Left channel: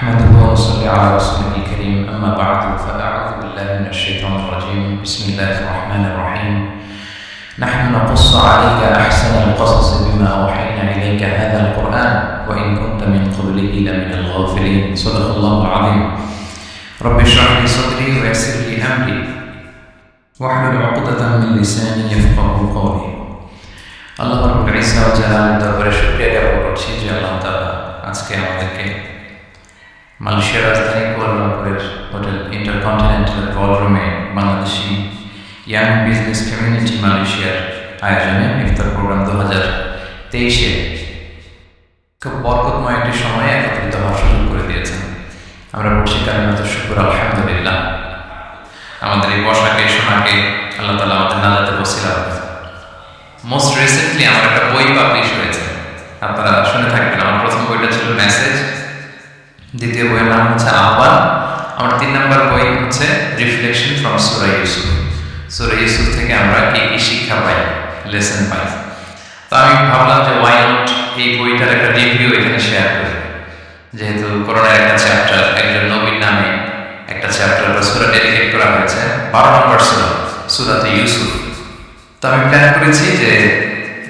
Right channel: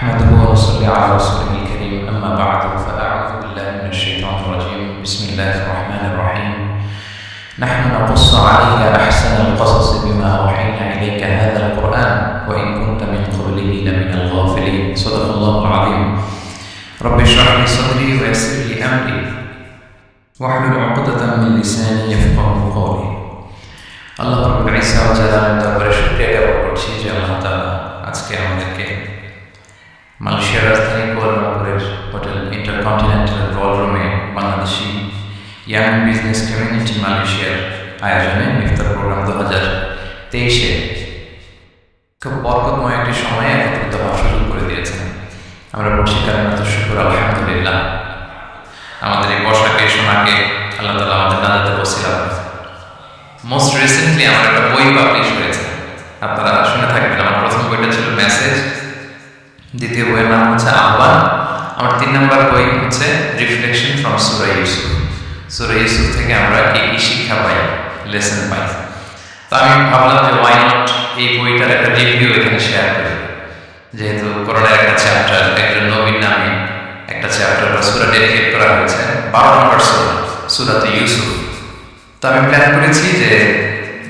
نحمده ونصلي على رسوله الكريم أما بعد فأعوذ بالله من الشيطان الرجيم بسم الله الرحمن الرحيم نحن نقص عليك أحسن القصص بما أوحينا إليك هذا القرآن وإن كنت من قبله لمن الغافلين صدق الله العظيم رب اشرح لي صدري ويسر لي أمري واحلل عقدة من لساني يفقهوا قولي আল্লাহ রাব্বুল ইজ্জা ওয়া জালালের দরবারে শুকরিয়া জ্ঞাপন করছি যে আল্লাহ তাআলা আজকে আমাদেরকে মালয়েশিয়ার রাজধানী কুয়ালালামপুরের হোটেল ইন্টারকন্টিনেন্টাল বলরুমে বাংলাদেশি ইয়াং বিজনেস কমিউনিটি মালয়েশিয়ার আয়োজনে ইফতার প্রোগ্রাম 2023-এ খুব বরকতময় একটি সময়ে একত্রিত হওয়ার সুযোগ করে দিয়েছেন। আমরা পড়ছি কালিমাতুশ শুকর আলহামদুলিল্লাহ। আমাদের এই বসাকে শোনাকে আল্লাহ তাআলা আমাদের নাজাতে ওসিলা করেছেন। মোস্ট রিসেন্টলি আমার একটা বই পাবলিশ হয়েছে, আপনারা শুনে থাকবেন। আমার প্রথম বইটা ছিল মেসেজ, দ্বিতীয় বইয়ের নাম হচ্ছে আহ্বান, আমার 3 নম্বর বই হচ্ছে রিফ্লেকশন ফ্রম সূরা ইউসুফ। সূরা ইউসুফ থেকে আমরা কি কি শিক্ষা পাই, লেসন পাই। তো আমি ভাবলাম যে ওয়াই নট এই বইটার একটা রিভিউ এখানে শেয়ার করি, যেহেতু কোরআনের একটা চ্যাপ্টার, একজন নবীর নামে একটা চ্যাপ্টার বা সূরা ডেডিকেট করা হয়েছে, 12 নম্বর সূরাতে ইউসুফ। তো আমি প্ল্যান করেছি যে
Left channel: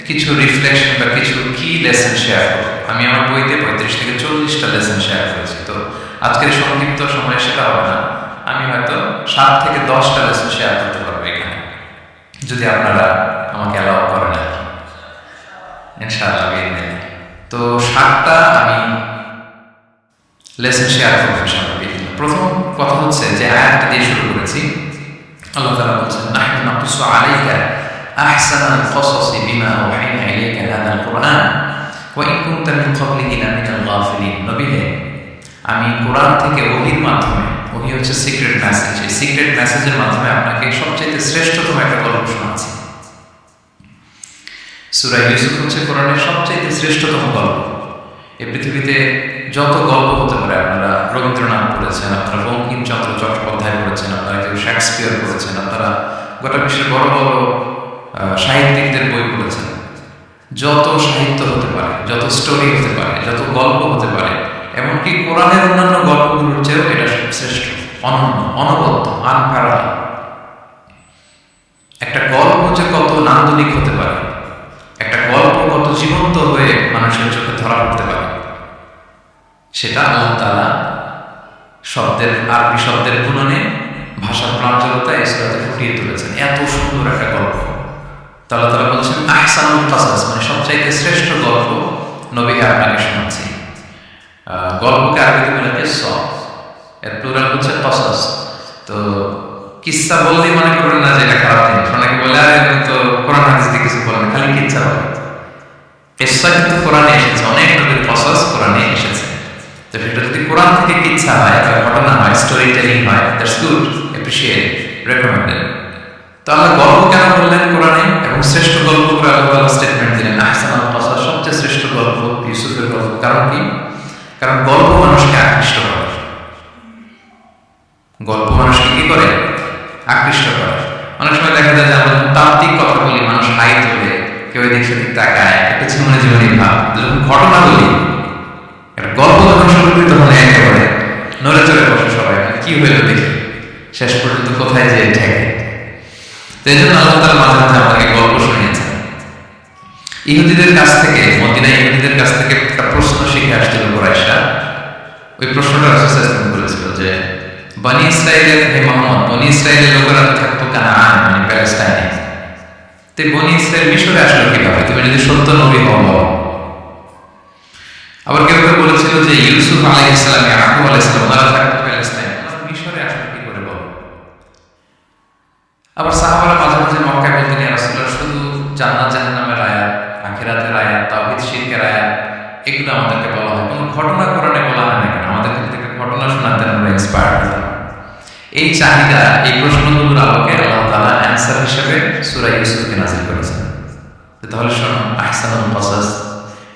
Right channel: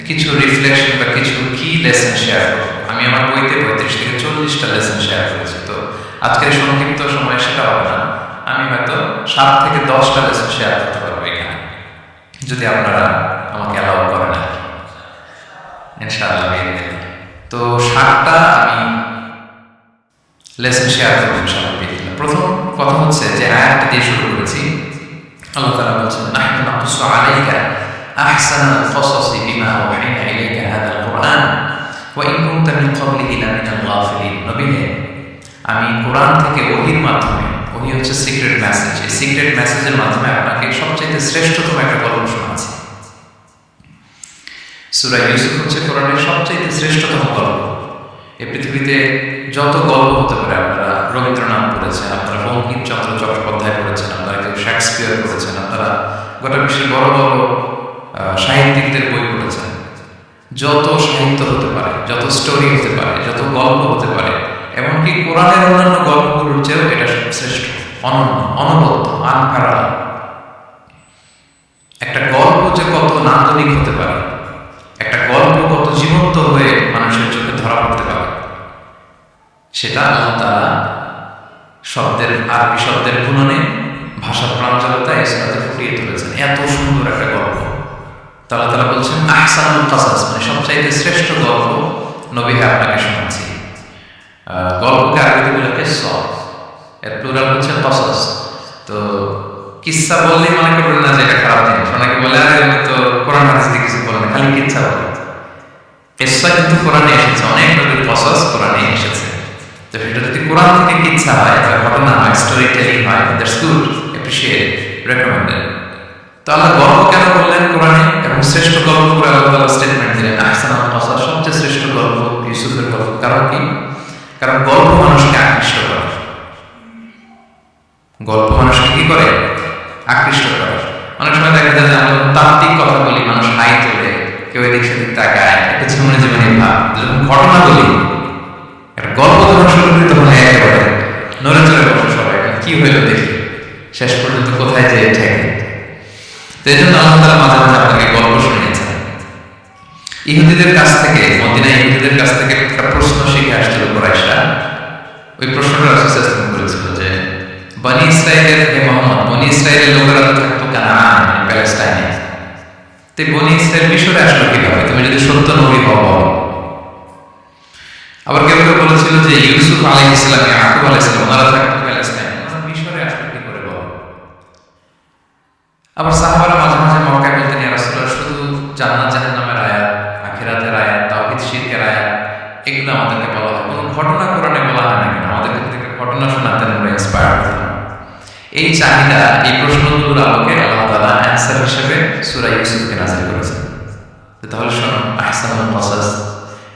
কিছু রিফ্লেকশন বা কিছু কি লেসন শেয়ার করব। আমি আমার বইতে 35 থেকে 40টা লেসন শেয়ার করেছি। তো আজকের সংক্ষিপ্ত সময়ে সেটা হবে না, আমি হয়তো 7 থেকে 10টা লেসন শেয়ার করতে পারবো এখানে, যদি আপনারা আমাকে অ্যালাউ করেন আর কি, ইনশাআল্লাহ বিইذنিল্লাহ। তো 7টা আমি লেসন শেয়ার করবো ইনশাআল্লাহ বিইذنিল্লাহ। প্রথম কথা হচ্ছে যে আয়াতটা দিয়ে শুরু করেছি। আল্লাহ তাআলা বলছেন নাহনু নাকুসু আলাইকা আহসানাল কসাসি বিমা আওহাইনা ইলাইকা হাদাল কুরআন ওয়া ইন কুনতা মিন ক্বাবলিহি লামিনাল গাফিলিন। নবী হে, আমি কোরআন থেকে ওহীর মাধ্যমে, ওহী হচ্ছে সিক্রেট মেসেজ, এই সিক্রেট মেসেজের মাধ্যমে আপনাকে সবচেয়ে শ্রেষ্ঠতম একটা গল্প শোনাচ্ছি। সূরা ইউসুফ হচ্ছে কোরআনের সবচেয়ে শ্রেষ্ঠতম গল্প। এই পৃথিবীতে যত গল্প হতে পারে, আপনারা রবীন্দ্রনাথ পড়েছেন, আপনারা বঙ্কিমচন্দ্র চট্টোপাধ্যায় পড়েছেন, আপনারা কেউ শেক্সপিয়ার পড়েছেন, আপনারা গোটা বিশ্বের বড় বড় সাহিত্যিকদের বই পড়েছেন। যত সাহিত্য হতে পারে, যত স্টোরি হতে পারে, যত গল্প হতে পারে, এমনকি কোরআনের অন্যান্য গল্পগুলোর চেয়েও এটা শ্রেষ্ঠ, অনন্য, অনবদ্য, আনপ্যারাল। একটা গল্প যে কত নান্দনিক হতে পারে, একটা গল্প কত জীবন্ত হয়ে মানুষের চোখে ধরা পড়তে পারে, সেটা আল্লাহ তাআলা শব্দের, আরবি শব্দের বুননে, ভাষার প্রাঞ্জলতা এই সূরাতে ফুটিয়ে তুলেছেন। এত সুন্দর একটা গল্প আল্লাহ তাআলা বলছেন আহসানুল কসাস, মানে সবচাইতে শ্রেষ্ঠ গল্প নবী হে আপনাকে শোনাচ্ছি। গল্পকে আরবিতে বলে কিসসা, এর প্লুরাল হচ্ছে কসাস। তো কিসসা বললেই মনে করবেন না যে এটা খারাপ জিনিস। অনেকে বলে আরে উনি তো কোরআন হাদিস দিয়ে কিছু বলে না, খালি কিচ্ছা বলে। কিসসা কিন্তু কোরআনে এসেছে, অনেক নবীর কসাস কোরআনে এসেছে। তো সেটা যদি কোরআন থেকে কিচ্ছা হয় বা ঘটনা হয়, স্টোরি টেলিং হয়, দ্যাটস গুড, অ্যাপ্রিশিয়েটেড, রেকমেন্ডেড। তো আল্লাহ গল্প কেন বললেন কোরআনে, এবং শ্রেষ্ঠ গল্প করে আল্লাহ তাআলা স্টেটমেন্ট দিলেন আহসানুল কসাস, সবচেয়ে শ্রেষ্ঠ গল্প ইউসুফের গল্প। কারণ কি? কারণ গল্প মানুষকে আকৃষ্ট করে। গল্প মানুষকে কি করে? আকৃষ্ট করে। অনেক সময় দেখা যায় যে আমরা যখন তাত্ত্বিক কথা বলি, মানুষ হাই তোলে, কেউ এদিক সেদিক তাকায়, একটু ঝিমুনি ঝিমুনি ভাব। যখন ঘটনা বলি, একটা গল্প যখন শুরু করি, তখন একেবারে নড়ে চড়ে বসে সবাই, কি হইল দেখি, শেষ পর্যন্ত কোথায় যে ঠেকে। তো এই জন্য আল্লাহ তাআলা মাঝে মাঝে আমাদেরকে গল্প শুনিয়েছেন। ইহুদিদের কাছ থেকে, মদিনা ইহুদিদের কাছ থেকে একটা প্রশ্ন শিখে আসছিল কুরাইশরা। ওই প্রশ্নটা রাসূল সাল্লাল্লাহু আলাইহি ওয়াসাল্লাম করেছিল যে বনি ইসরাইলের, হে মুহাম্মদ, বনি ইসরাইলের লোকেরা তো থাকতো কানান, মানে প্যালেস্টাইনে। তো বনি ইসরাইল মিশরে আসলো কিভাবে? তুমি যদি সত্য নবী হও বলো। আবার কেউ কেউ বলেছিল যে ইউসুফ আলাইহিস সালাম, ইয়াকুব আলাইহিস সালাম, ওনারা থাকতো প্যালেস্টাইনে, ওনারা মিশরে আসলো কি করে বলো। আবার সাহাবারা মাঝে মাঝে মক্কায় বলতেন, ইয়া রাসূলুল্লাহ, শুধু জান্নাত জাহান্নামের আয়াত, আখিরাতের আয়াত, তাওহীদ শিরকের আয়াত, এগুলো আমাদেরকে বলা হয়, কোনো ঘটনা কোরআনে বলা হয় না কেন? আমাদেরকে যদি একটা ঘটনা শোনাতেন, আমরা ইন্সপায়ার হতাম। এই চাহিদা, এই প্রশ্নগুলোর আলোকে আল্লাহ তাআলা অ্যান্সার হিসেবে সূরা ইউসুফকে নাযিল করেছেন। তাহলে শোনো, আহসানুল কসাস,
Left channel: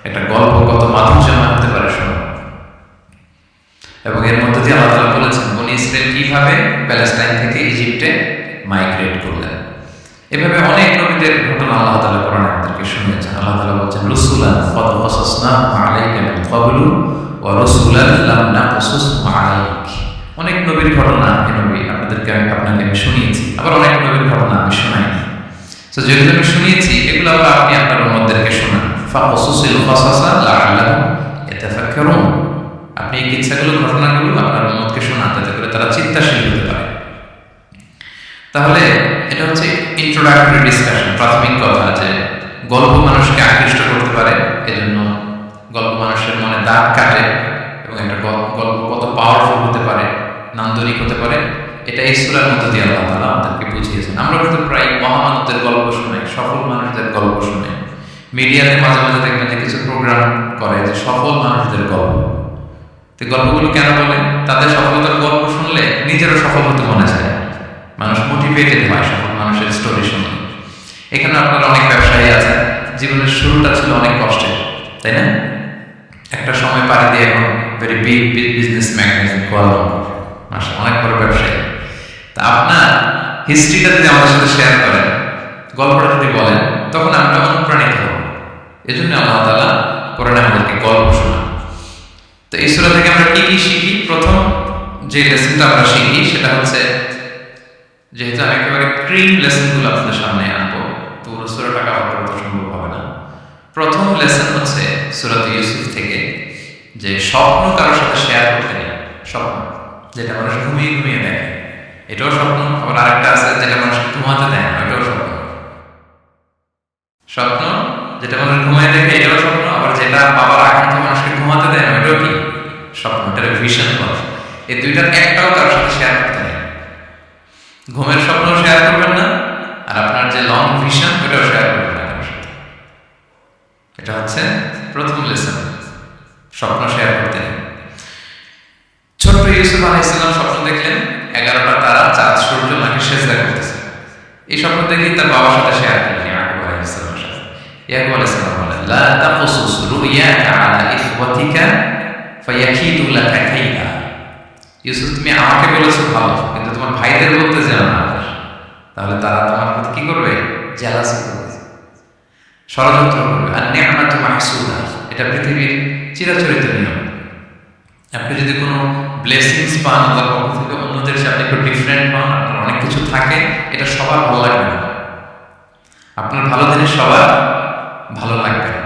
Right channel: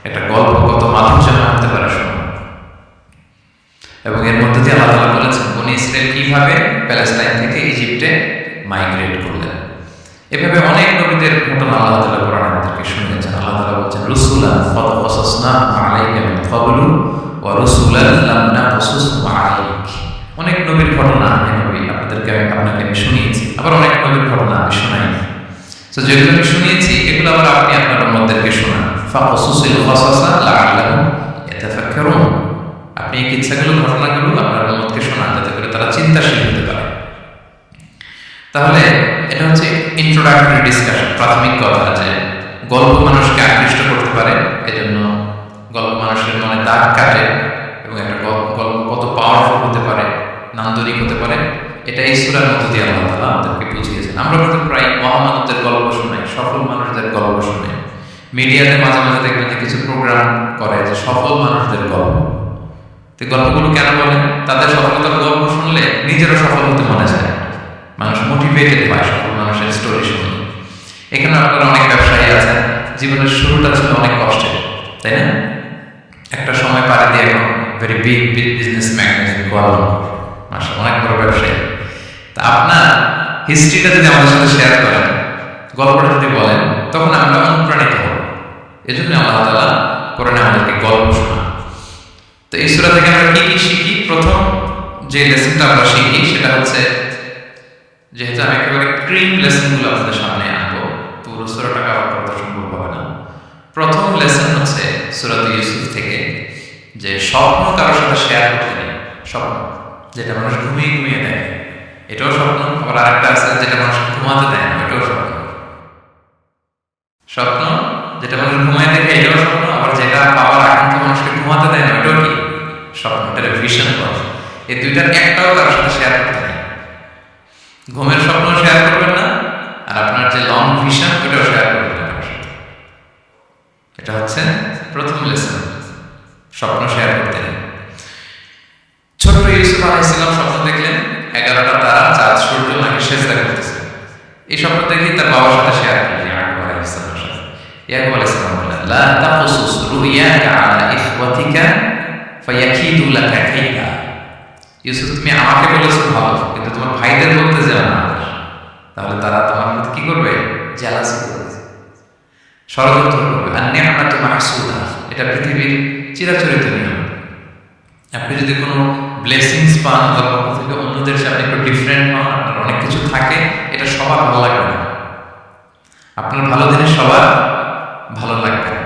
একটা গল্প কত মাধুর্যময় হতে পারে শোনো। এবং এর মধ্যে দিয়ে আল্লাহ তাআলা বলেছেন বনি ইসরাইল কিভাবে প্যালেস্টাইন থেকে ইজিপ্টে মাইগ্রেট করলেন। এভাবে অনেক নবীদের ঘটনা আল্লাহ তাআলা কোরআনে আমাদেরকে শুনিয়েছেন। আল্লাহ তাআলা বলছেন রুসুলান ক্বাদ ক্বাসাসনাহুম আলাইকা মিন ক্বাবলু ওয়া রুসুলান লাম নাকসুসহুম অনেক নবীর ঘটনা হে নবী আপনাকে আমি শুনিয়েছি, আবার অনেক নবীর ঘটনা আমি শোনাইনি। তো যেগুলো আমি শুনিয়েছি এগুলো আবার আপনি আপনার উম্মতদেরকে শোনান। ফাকসুসিল কসাসা লাআল্লাহুম ইয়াতাফাক্কারুন। আপনি এই কিচ্ছাগুলো, ঘটনাগুলো আপনার উম্মতকে শোনান, যাতে করে তারা চিন্তাশীল হতে পারে। তাহলে এটা হচ্ছে ইন্ট্রোডাক্টরি ডিসকাশন, প্রাথমিক কথা, যে গল্প মানুষকে আকৃষ্ট করতে পারে, এজন্য গল্প মানুষের মনে দাগ কাটে, এবং একটা গল্প কত পাওয়ারফুল হতে পারে, নান্দনিক হতে পারে, এটা এই সূরার মধ্য দিয়ে আল্লাহ তাআলা আমাদেরকে বুঝিয়েছেন। আমরা কিন্তু প্রায় মহামানবদের গল্প শুনাই, সফল মানুষদের গল্প শুনাই। মিডিয়াতে মাঝে মাঝে দেখবেন যে কিছু প্রোগ্রাম করে যে সফল মানুষদের গল্প। তো গল্পগুলো কেন বলে? তাদের সফলতার গল্প শুনলে নিজেরও সফল হতে মনে চায়, মানুষ মোটিভেটেড হয় সফল মানুষের স্টোরি শুনলে। এখানে আপনারা অনেক ব্যবসায়ী আছেন, জীবনের শুরুটা ছিল অনেক কষ্টের, তাই না? একটা সময় পাড়ি দিয়ে এখন very big business magnate Kuala Lumpur, মাশাআল্লাহ, অনেক বড় ব্যবসায়ী। তা আপনার হিস্ট্রিটা যদি আমাদের সাথে শেয়ার করেন, গল্পটা যদি বলেন, তখন আমরা অনুপ্রাণিত হব। এজন্য আল্লাহ তাআলা কোরআনে আমাদেরকে গল্প শোনান। তো এই সূরা থেকে আমরা কি কি শিখি? প্রথম যে লেসনটা আমরা শিখি সেটা হচ্ছে, যেহেতু আমি একেবারে ক্রিম লেসনগুলো আপনাদের সামনে আনবো, পুরো সূরাটা কভার করা তো সম্ভব হবে না। প্রথম লেসন হচ্ছে সূরা ইউসুফ থেকে, যে স্বপ্ন কারোর সাথে শেয়ার করতে নেই। স্বপ্ন যেটা মানুষ ঘুমিয়ে ঘুমিয়ে দেখে, এটাও স্বপ্ন। আবার আরেকটা আছে যেটা মানুষকে ঘুমাতে দেয় না, ওইটাও স্বপ্ন। স্বপ্ন যেটা মানুষ ঘুমায় দেখে, এটাও স্বপ্ন। আবার যেটা পাবার আকাঙ্ক্ষা মানুষকে ঘুমাতে দেয় না, ওইটাও কি? স্বপ্ন। এটার ভিশন বলে। এই দুইটার একটাও কারোর সাথে শেয়ার করতে নেই। ঘুমের স্বপ্ন শেয়ার করবেন না, আর আপনার যে লং ভিশন ওটাও শেয়ার করবেন না কারোর সাথে। এটা হচ্ছে প্রথম লেসন, স্বপ্ন শেয়ার করতে নেই। ছোট্ট ইউসুফ আলাইহিস সালাম স্বপ্ন দেখলেন 11টা তারা, চাঁদ, সূর্য নাকি সেজদা করতেছে। এই স্বপ্ন দেখেই তার বাবার সাথে শেয়ার করলেন, ইয়াকুব আলাইহিস সালামের সাথে। ইয়াকুব আলাইহিস সালাম বলেন, লা তাকসুস রুইয়াকা আলা ইখওয়াতিকা ফায়াকিদু লাকা কাইদা। ইউসুফ, তুমি আমাকে বলেছো ভালো, কিন্তু তোমার ভাইদের বলতে যেও না, তাহলে তারা তোমার প্রতি কি করবে? জেলাসি করবে, ষড়যন্ত্র করবে। আর নি'মাতু মাহসুদা, এটা পৃথিবীর চিরাচরিত নিয়ম। আপনি যদি কোনো ব্লেসিংস পান আল্লাহর পক্ষ থেকে, অন্যদের সাথে একটু ডিফারেন্ট পান, আপনার অনেক কিছু থাকে, এটা সবার ভালো লাগবে না। আপনার ভালো জিনিস সবার ভালো লাগবে না।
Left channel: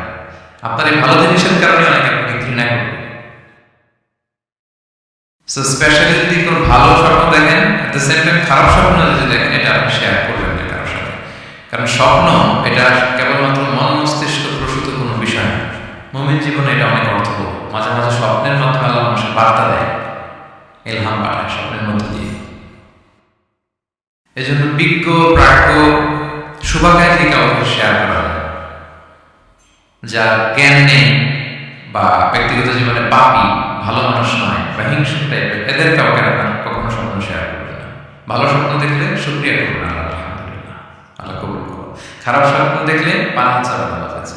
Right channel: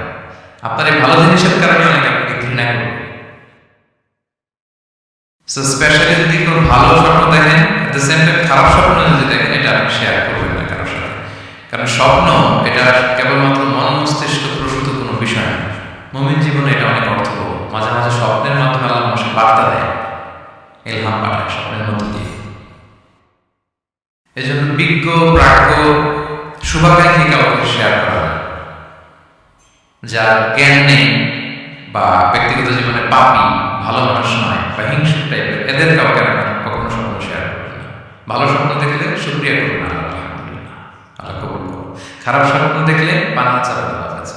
আপনার এই ভালো জিনিসের কারণে অনেকে আপনাকে ঘৃণা করবে। সো স্পেশালি যদি কোনো ভালো স্বপ্ন দেখেন, এট দ্য সেম টাইম খারাপ স্বপ্ন যদি দেখেন, এটা আপনি শেয়ার করবেন না কারোর সাথে। কারণ স্বপ্ন এটা কেবলমাত্র মন মস্তিষ্ক প্রসূত কোনো বিষয় না। মুমিন জীবনে এটা অনেক অর্থবহ। মাঝে মাঝে স্বপ্নের মাধ্যমে আল্লাহ মানুষকে বার্তা দেয়, ইলহাম পাঠায় স্বপ্নের মধ্য দিয়ে। এজন্য বিজ্ঞ, প্রাজ্ঞ, শুভাকাঙ্ক্ষী কাউকে শেয়ার করা হয়। যার জ্ঞান নেই বা ব্যক্তিগত জীবনে পাপী, ভালো মানুষ নয় বা হিংসুক টাইপের, এদের কাউকে আপনার কখনো স্বপ্ন শেয়ার করবেন না। ভালো স্বপ্ন দেখলে শুকরিয়া করবেন, আল্লাহ আলহামদুলিল্লাহ, আল্লাহ কবুল করুন। খারাপ স্বপ্ন দেখলে পানা চাবেন আল্লাহ কাছে।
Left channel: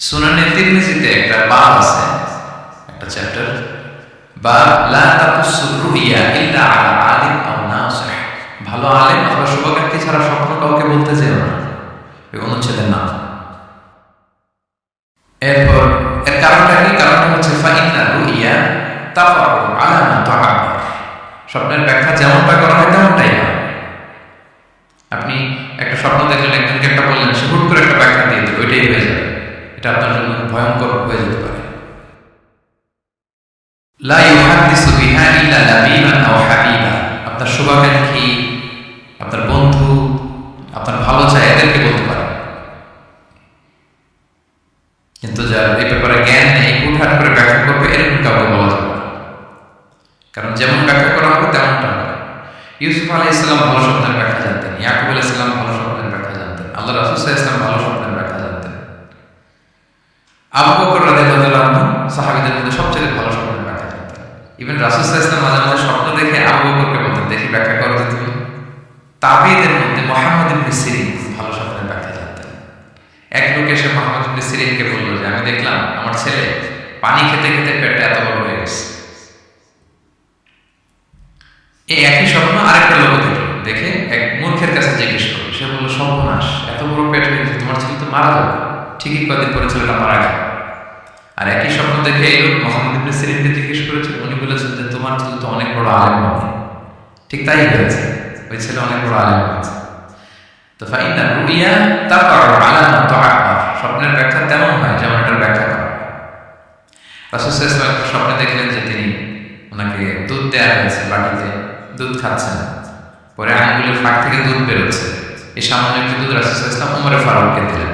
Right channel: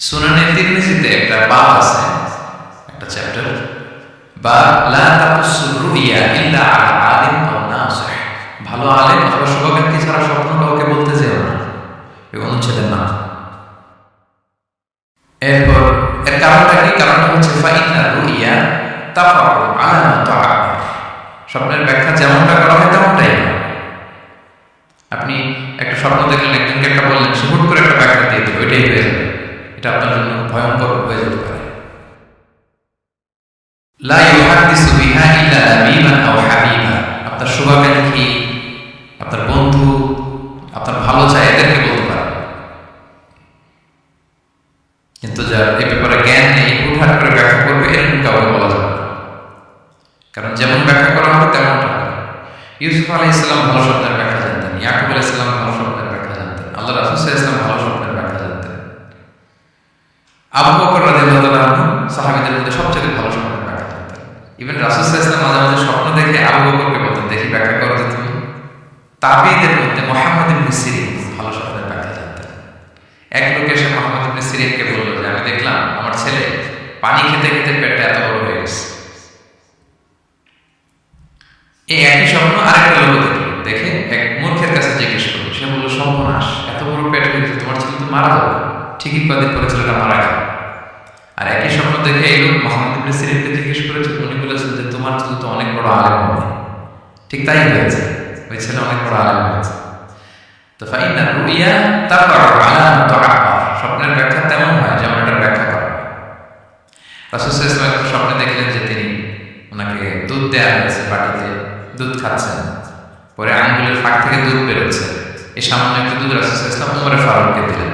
সুনানে তিরমিজিতে একটা বাব আছে, একটা চ্যাপ্টার, বাব লা তাকুসুর রুইয়া ইল্লা আলা আলিম আও নাসিহ। ভালো আলেম অথবা শুভাকাঙ্ক্ষী ছাড়া স্বপ্ন কাউকে বলতে যেও না, এই অনুচ্ছেদের নাম। এরপর এর কারণটা কি? কারণটা হচ্ছে ফাইন্না রুইয়া তাফাউ আলা মা তুআব্বার। স্বপ্নের ব্যাখ্যা যেমনটা করা হয় তেমনটাই হয়। আপনি একটা স্বপ্ন দেখলেন, একজনকে একটা বললেন, সে হুট করে একটা ব্যাখ্যা দিয়ে দিল, ওইটাই হয়ে যাবে। এটা আপনার জন্য ভয়ঙ্কর হয়ে যেতে পারে। লা ইউহাদ্দিসু বিহা ইল্লা লাবিবান আও হাবিবা। আপনার শুভাকাঙ্ক্ষী, আপনার বন্ধু, আপনার ভালো চায়, এদেরকে বলতে পারে। কিন্তু যার এই ব্যাপারে জ্ঞান নেই, হুটহাট করে ব্যাখ্যা করবে, এরকম কাউকে বলা যাবে না। কারণ যেমন ব্যাখ্যা করা হবে তেমনটা হবে। ইউসুফ আলাইহিস সালাম ভালো স্বপ্নের ব্যাখ্যা জানতেন, ইয়াকুব আলাইহিস সালাম ভালো স্বপ্নের ব্যাখ্যা জানতেন, আল্লাহ রাসূল সাল্লাল্লাহু আলাইহি ওয়াসাল্লাম ভালো স্বপ্নের ব্যাখ্যা জানতেন। আবু বকর রাদিয়াল্লাহু তাআলা আনহু সাহাবীদের মধ্যে সবচেয়ে ভালো স্বপ্নের ব্যাখ্যা জানতেন। ইভেন রাসূল সাল্লাল্লাহু আলাইহি ওয়াসাল্লাম মাঝে মাঝে স্বপ্ন দেখে আবু বকরকে বলতেন, দেখি ব্যাখ্যা করো তো তুমি। তাবেঈদের মধ্যে মুহাম্মদ ইবনে সিরিন ভালো স্বপ্নের ব্যাখ্যা জানতেন। এক লোক এসে মুহাম্মদ ইবনে সিরিনকে বলল যে, আমি দেখলাম আমার ছেলে পানি খেতে খেতে পেটটা এত বড় হয়ে গেছে। এই একই স্বপ্ন আরেকটা লোক দেখল, দেখে এক মূর্খের কাছে জিজ্ঞেস করলো। সে বলল, সর্বনাশ, এত বড় পেট হয়ে গেছে, তোমার ছেলে তো মারা যাবে। ঠিকই কয়েকদিন পরে ছেলেটা মারা গেল। আর একই স্বপ্ন দেখে এই লোক মোহাম্মদ ইবনে সিরিনকে জিজ্ঞেস করেছেন, উনি বলেছেন যে তোমার ছেলে তো অনেক বড় আলেম হবে। ঠিক তাই হয়েছে, ওই ছেলে অনেক বড় আলেম হয়েছে। তো ফাইন্না রুইয়া তাফাউ আলা মা তুআব্বার, স্বপ্নের ব্যাখ্যা তেমন হয় যেমন এটার ব্যাখ্যা করা। রাসূল সাল্লাল্লাহু আলাইহি ওয়াসাল্লাম একটা স্বপ্নে দেখলেন যে তিনি ওনাকে দুধ দেয়া হয়েছে, বাটিতে দুধ খাচ্ছেন, পরে আঙ্গুলের ফাঁক থেকে দুধ বেরোচ্ছে। এই সামান্য একটু দুধ রাসূল সাল্লাল্লাহু আলাইহি ওয়াসাল্লাম উমরে ফারুককে দিলেন।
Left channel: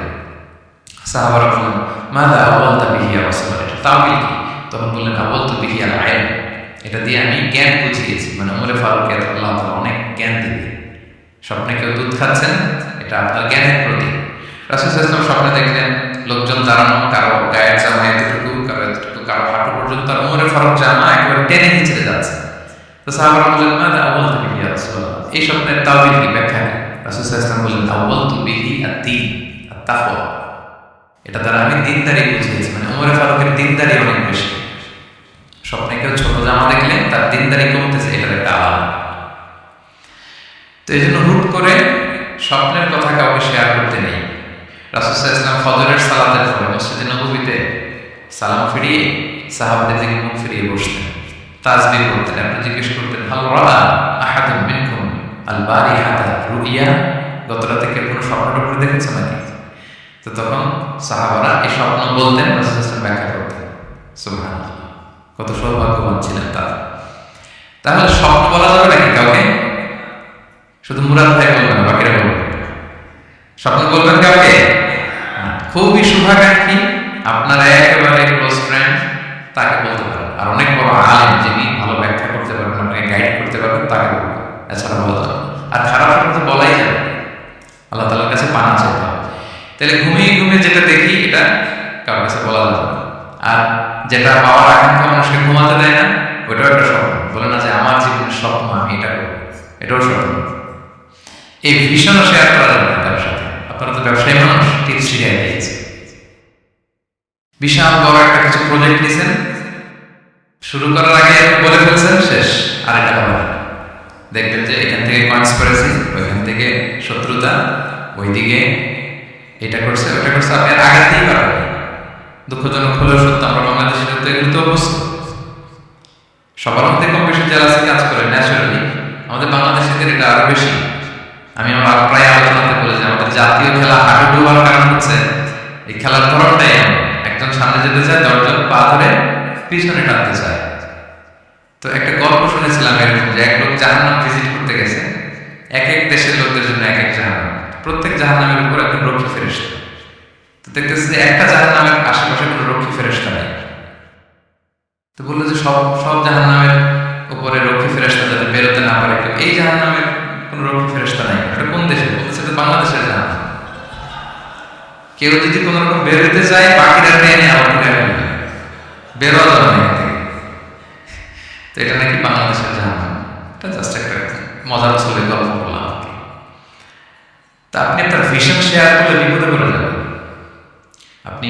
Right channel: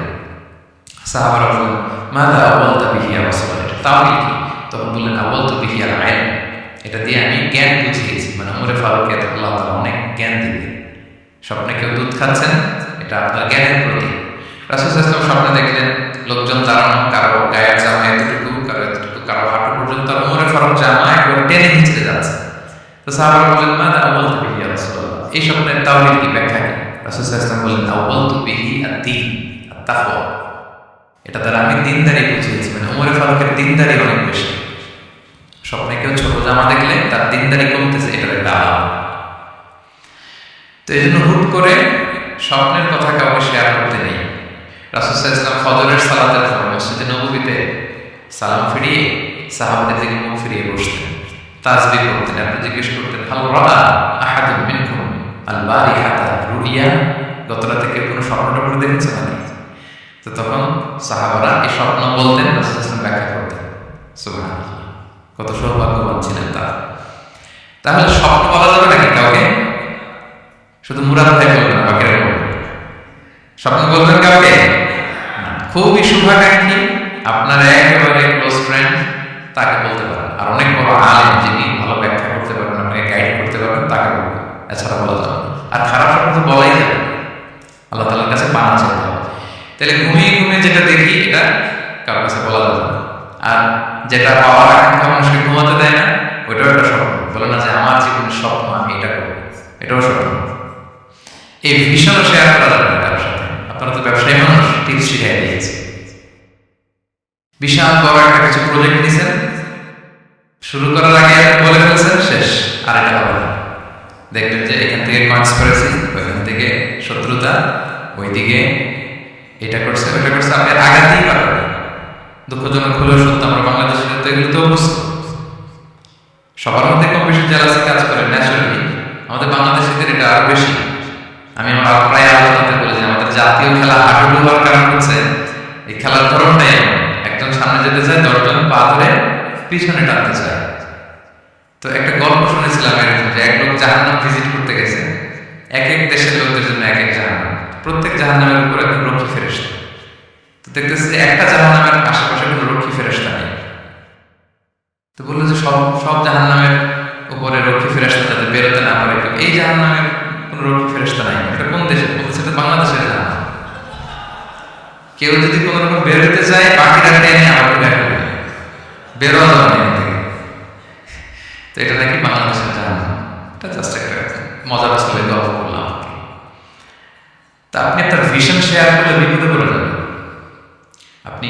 সাহাবারা বললেন মাযা আওয়ালতা বিহি ইয়া রাসূলুল্লাহ, এটা তাওয়িল কি? তখন বললেন আওয়ালতু বিহি আল ইলম, এটা দিয়ে আমি জ্ঞান বুঝিয়েছি, মানে উমরে ফারুককে আল্লাহ তাআলা অনেক জ্ঞান দিবে। স্বপ্নে কেউ দুধ খাচ্ছেন, এটা আপনার জ্ঞানের প্রতীক। রাসূল সাল্লাল্লাহু আলাইহি ওয়াসাল্লাম স্বপ্নে দেখলেন লোকজন দাঁড়ানো, কারো গায়ের জামা এতটুকু, কারো এতটুকু, কারো হাঁটু পর্যন্ত, আর উমরে ফারুক জামা একেবারে টেনে হিঁচড়ে যাচ্ছে। তো সাহাবারা বললেন মাযা আওয়ালতু বিহি ইয়া রাসূলুল্লাহ, এই স্বপ্নের তাওয়িল কি, ব্যাখ্যা কি? রাসূল সাল্লাল্লাহু আলাইহি ওয়াসাল্লাম বললেন আওয়ালতু বিহি আদ-দীন আত-তাকওয়া, এটা দ্বারা আমি দিনদারি বুঝিয়েছি, মানে উমরে ফারুকের দিনদারি অনেক বেশি। স্বপ্নে কেউ ছোট জামা দেখলে তার দিনদারি কমতেছে, এটার একটা আলাদা। তো এই জন্য হুট করে স্বপ্নের কথা কাউকে শেয়ার করতে নেই। রাসূল সাল্লাল্লাহু আলাইহি ওয়াসাল্লাম ফজরের সালাতের পরে মসজিদে নববীতে সালাম ফিরিয়ে সাহাবাদের দিকে মুখ ফিরিয়ে বসতেন, তাসবিহ পড়তেন। আপনি জিজ্ঞেস করতেন হাল রাআ আহাদুম মিনকুম আল বারিহাতা রুইয়া, গত রাতে কেউ কোনো স্বপ্ন টপ্ন দেখেছে নাকি? তো তখন সাহাবারা এই স্বপ্ন বলতেন, রাসূল সাল্লাল্লাহু আলাইহি ওয়াসাল্লাম ব্যাখ্যা করতেন। সুবহানাল্লাহ, কত সৌভাগ্যবান ছিলেন তারা। তাহলে স্বপ্ন বলা যাবে নাকি কাউকে? শুধু মুরাদ ভাই বলবেন না, বাকিরা বলবেন? স্বপ্ন বলবেন কাউকে? খুবই শুভাকাঙ্ক্ষী, আপনার একেবারে ক্লোজ ফ্রেন্ড, তাকে বলতে পারেন। আর অনেক বড় আলেম যিনি ভালো ব্যাখ্যা করতে পারবেন, আপনাকে গাইড করতে পারবেন, তাকে বলবেন। এছাড়া বলা যাবে না। আর খারাপ স্বপ্ন তো বলাই যাবে, আল্লাহ তাআলার কাছে পানা চাইতে হবে। তাহলে ঘুমিয়ে ঘুমিয়ে যেটা দেখি এটা কারোর কাছে বলা যাবে না। আর যেটা পাওয়ার আকাঙ্ক্ষা মানুষকে ঘুমাতে দেয় না, ওইটাও একটা স্বপ্ন। বলে না যে আমার জীবনের স্বপ্ন আমি এটা করবো, এটাও স্বপ্ন। এই ভিশনও শেয়ার করা যাবে না কারোর সাথে। আপনারা তো ব্যবসায়ী মানুষ, টিপস শিখাই দিয়েছে। বিশাল বড় একটা কিছু প্রজেক্ট নিছেন, শুরু করার আগে আপনি বলে ফেলছেন শেষ, আর এটা হবে না। দেখবেন যে এখান থেকে কনস্পিরেসি, ওইখান থেকে শত্রুতা, ওইদিকে এটা করছে ওইটা করছে, আপনি আর আগাতেই পারবেন না। দুঃখজনক হলেও সত্য, আমরা বাংলাদেশের তো এগুলো তো অভ্যস্ত। সবার মধ্যে কম বেশি জেলাসি কাজ করে ন্যাচারালি, আমাদের বাংলাদেশিদের এটা আরো বেশি। আমি আমার প্রায় আলোচনাতে বলি যে আমাদের জাতীয় খেলা হাডুডু হওয়ার কারণ হচ্ছে এই খেলার ধরনটাই এমন। একজন সামনে যেতে চায়, 10 জন পা ধরে পিছনে টানতে চায়। তো একটা গল্প শুনেছিলাম এরকম যে এক লোক জাহান্নাম ভিজিট করতে গেছে, এক এক দেশের লোকদের জন্য এক এক জাহান্নাম, প্রত্যেক জাহান্নামের উপর একজন রক্ষী ফেরেশতা। তো দেখতেছে যে একটা জাহান্নামের আশেপাশে কোনো রক্ষী ফেরেশতা নেই। তো বললো যে সব জাহান্নামের উপরে রক্ষী ফেরেশতা যাতে বেরোতে না পারে কেউ, এই জাহান্নামের কোনো রক্ষী ফেরেশতা নাই। এটা কোন দেশের? বলতেছে এটা বাংলাদেশের জাহান্নাম। কেউ যদি কোনো রকম বেরোতে চায়, বাকিরা টেনে আবার ঢুকে ফেলবে, বেরোয়া যাবে না এখান থেকে। তো এটা নাকি বাংলাদেশের জাহান্নাম। এটা জাস্ট একটা মজার ছলে গল্প করলাম। তা আপনি আপনার ভিশন শেয়ার করলে বিপদে পড়ে যাবেন। আপনি